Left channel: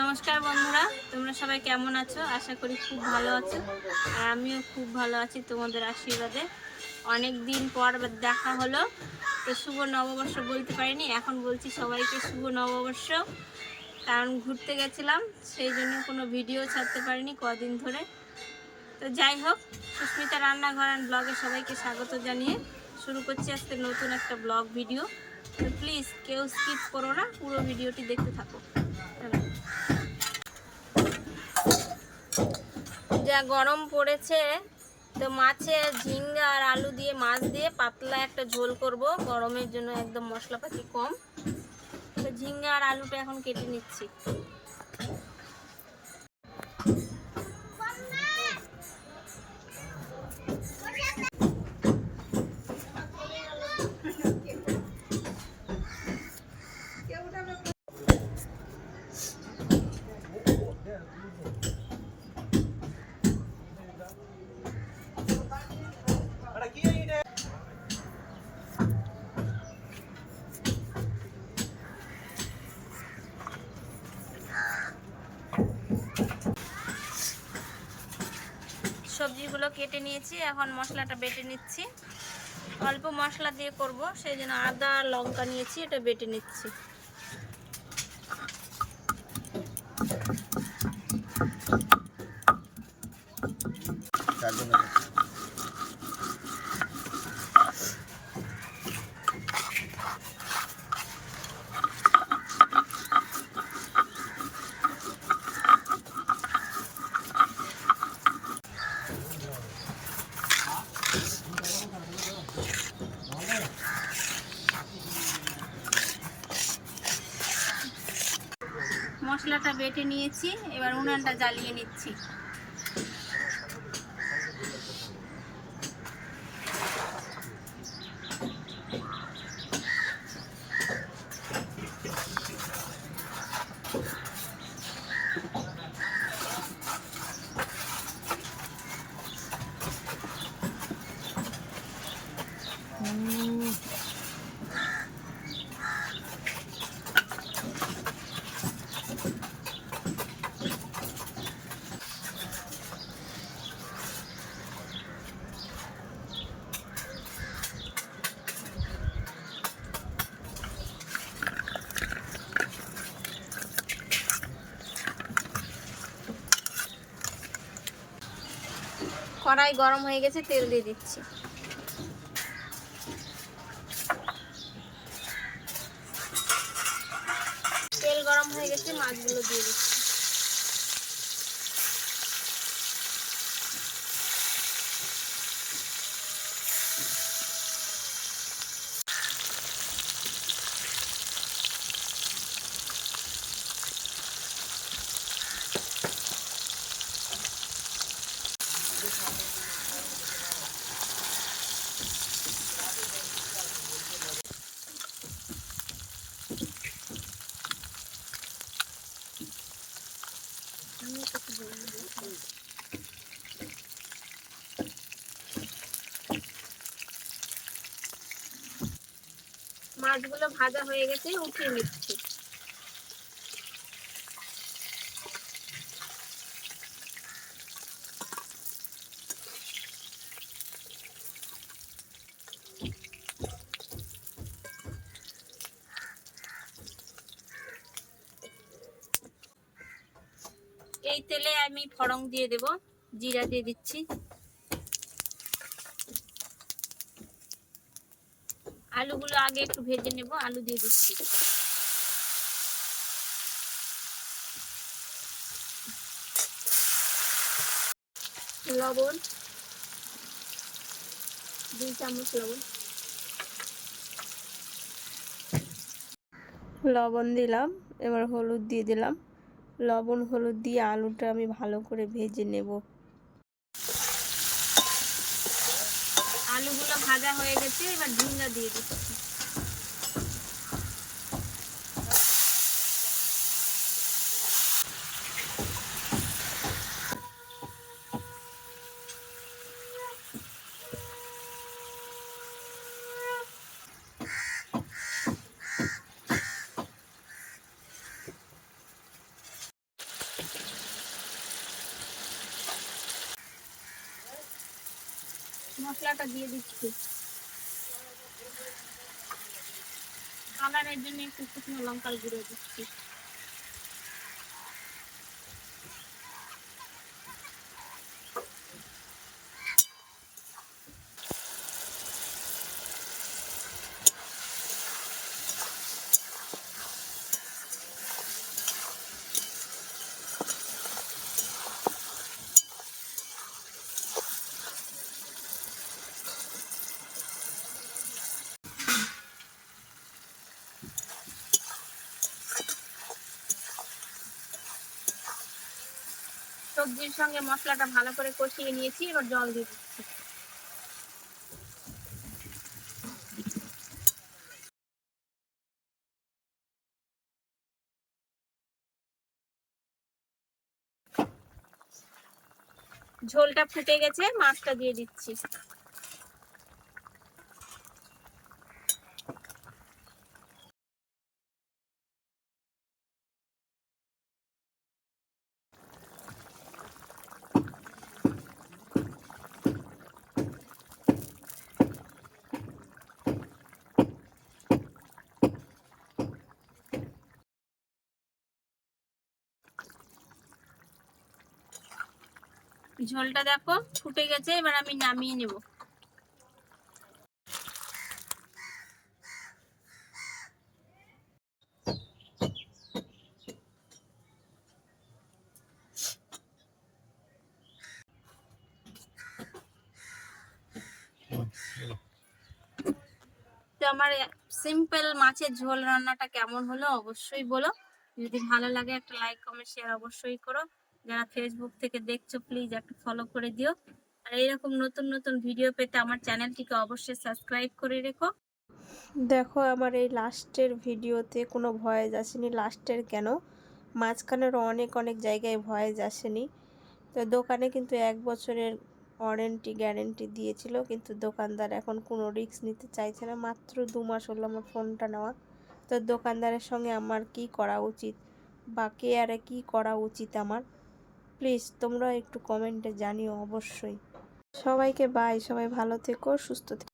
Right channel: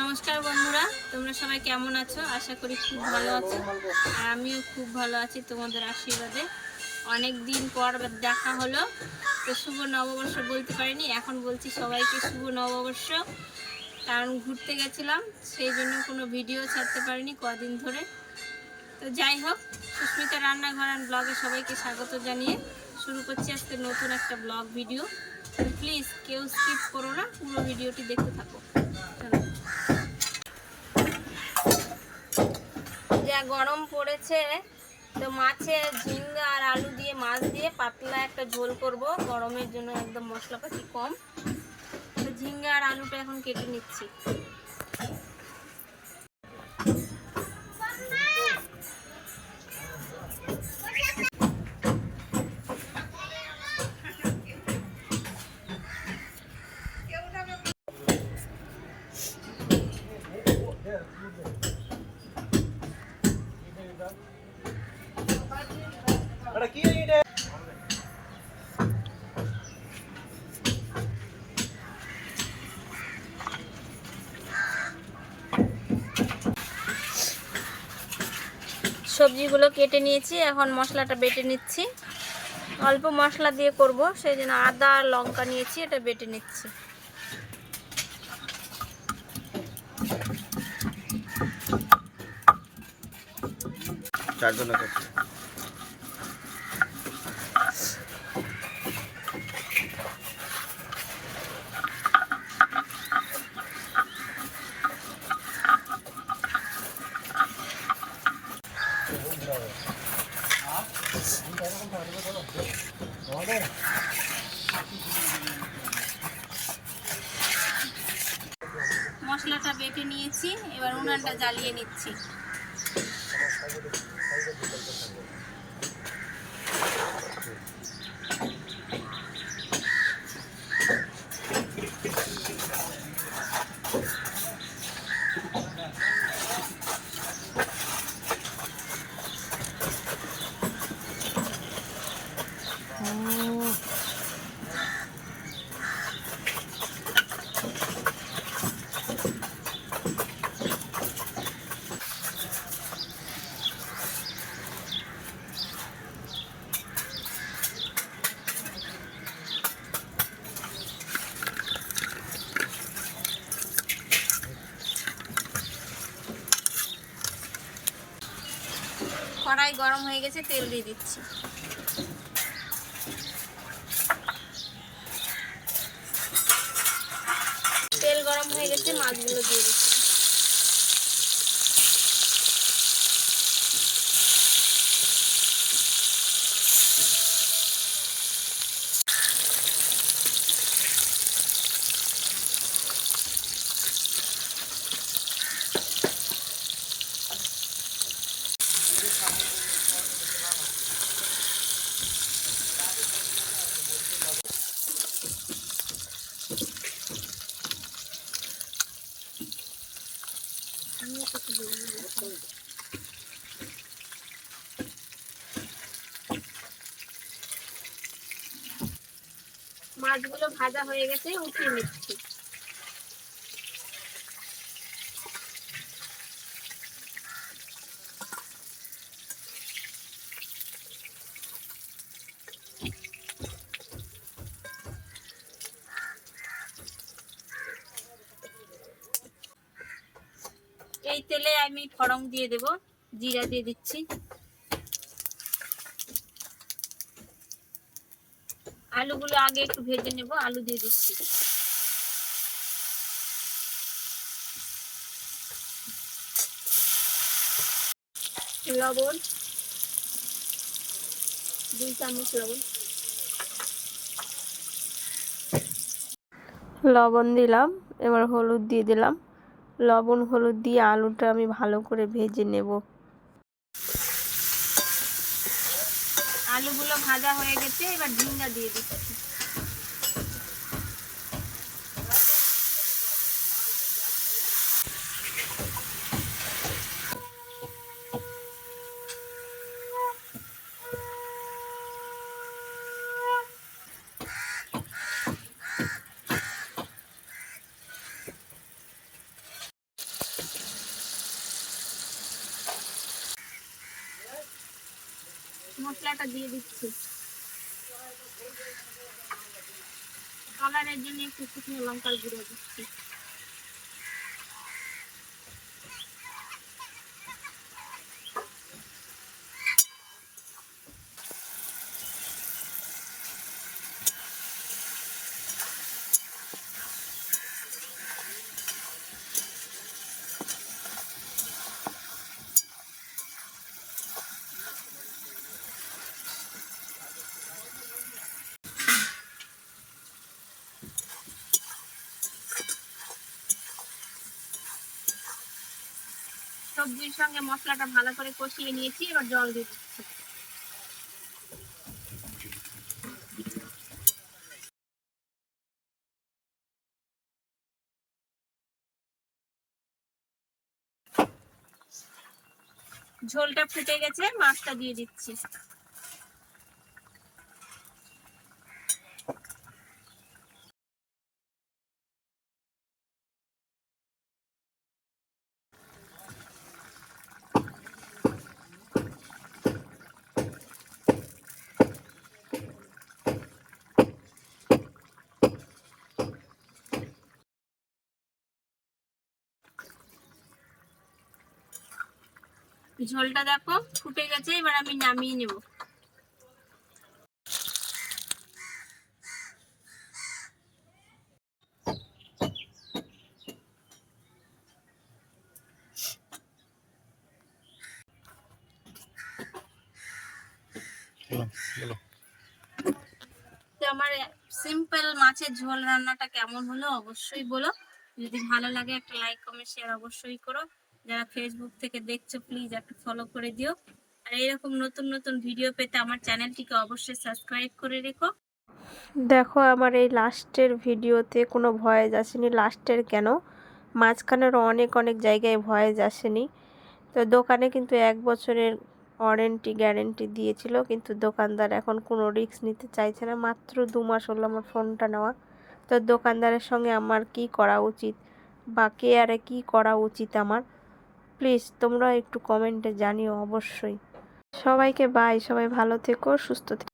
নমস্কার বন্ধুরা, তোমরা সবাই কেমন আছো? আশা করি খুব ভালো আছো। আর আমিও খুব ভালো আছি তোমাদের আশীর্বাদে। অনেক দিন পর দেখা হলো, তো শুভ নববর্ষ বলতে পারিনি, এখন বলছি সবাইকে শুভ নববর্ষ। কারণ ঘুরতে গেছিলাম, সেই জন্য কোনো ভিডিও ছাড়তে পারিনি কদিন ধরে। তো যাই হোক, সুস্মিতা রান্নাঘর অ্যান্ড ব্লগে সবাইকে স্বাগত জানিয়ে শুরু করছি আজকে নতুন একটা ব্লগ ভিডিও। তো প্লিজ কেউ স্কিপ করো না, পুরো ভিডিওটি দেখতে থাকো। চলো। যা গরম পড়েছে, তো মাছের ঝিঙ্গা আর আলু দিয়ে মাছ দিয়ে পাতলা একটা ঝোল করব। গরমের জন্য একদম মশলাপাতি কম। তো ঝিঙ্গা আর আলুটা এখন কেটে নিচ্ছি। সবজিগুলো কেটে নিয়েছি, এখন মশলাটা বেটে নিচ্ছি। অল্প মশলা দিয়ে করব, সেই জন্য আদা আর লঙ্কা নিয়েছি, এটা বেটে নিচ্ছি। মশলাটা বেটে নিয়েছি, এবার উনানটা জ্বালিয়ে নিচ্ছি। কড়াই গরম হয়ে গেছে, তেল দিয়ে দিচ্ছি। তেল গরম হয়ে গেছে, মাছগুলো দিয়ে দিচ্ছি। মাছগুলো ভাজা হয়ে গেছে, উঠিয়ে নিচ্ছি। এই তেলে আমি ফড়ং দিয়ে দেব, জিরা দিয়ে দিচ্ছি। আলুগুলো আগে একটু ভেজে নেব, আলু দিয়ে দিচ্ছি। লবণ 2 চামচ লবণ দিলাম। এবার হলুদ দিয়ে দিলাম। লবণ হলুদ দিয়ে আলুটা আমি ভালো করে ভেজে নেব। আলুগুলো ভাজা হয়ে গেছে, এবার ঝিঙ্গা দিয়ে দিচ্ছি। মশলাটা দিয়ে দিচ্ছি। কালারের জন্য একটু শুকনো লঙ্কার গুঁড়ো দিচ্ছি। সবজির সঙ্গে মশলাটা ভালো করে কষিয়ে নিয়েছি, এবার জল দিয়ে দিচ্ছি। ঝোলটা ফুটে গেছে, মাছটা দিয়ে দিচ্ছি। ঝোলটা দেখো ফুটে গেছে, এবার আমি নামিয়ে নেব। তো আমার সিম্পল মাছের ঝোল রান্নাটা কেমন হলো অবশ্যই বলো। যদি ভালো লাগে একটা লাইক কমেন্ট শেয়ার অবশ্যই করো। যারা ফেসবুক থেকে দেখছো প্লিজ একটা ফলো করে দিও। আর এরকম নতুন নতুন ভিডিও পেতে আমার চ্যানেলটিকে অবশ্যই সাবস্ক্রাইব করে রেখো। দেখো আমার এই লাস্টের ভিডিওতে কোনো ভয়েস আসেনি। লাস্টের কেন, মাঝখানেরও অনেক অনেক জায়গায় ভয়েস আসেনি। তো দোকানে কিন্তু 1 বছরের ওয়ারেন্টি গ্যারেন্টি দিয়েছিল, কিন্তু দোকানদার এখন কোনো রিস্ক নিতে চাইছে না। মাত্র 2 মাস হলো আমার ফোনটা নেওয়া। তো দোকানদারের সঙ্গে আমার কি করা উচিত বা কেয়ারে কি করা উচিত আমার, প্লিজ তোমরা একটু কমেন্টে জানিও অবশ্যই। সবাইকে বাই, সবাই ভালো থেকো, সুস্থ থেকো।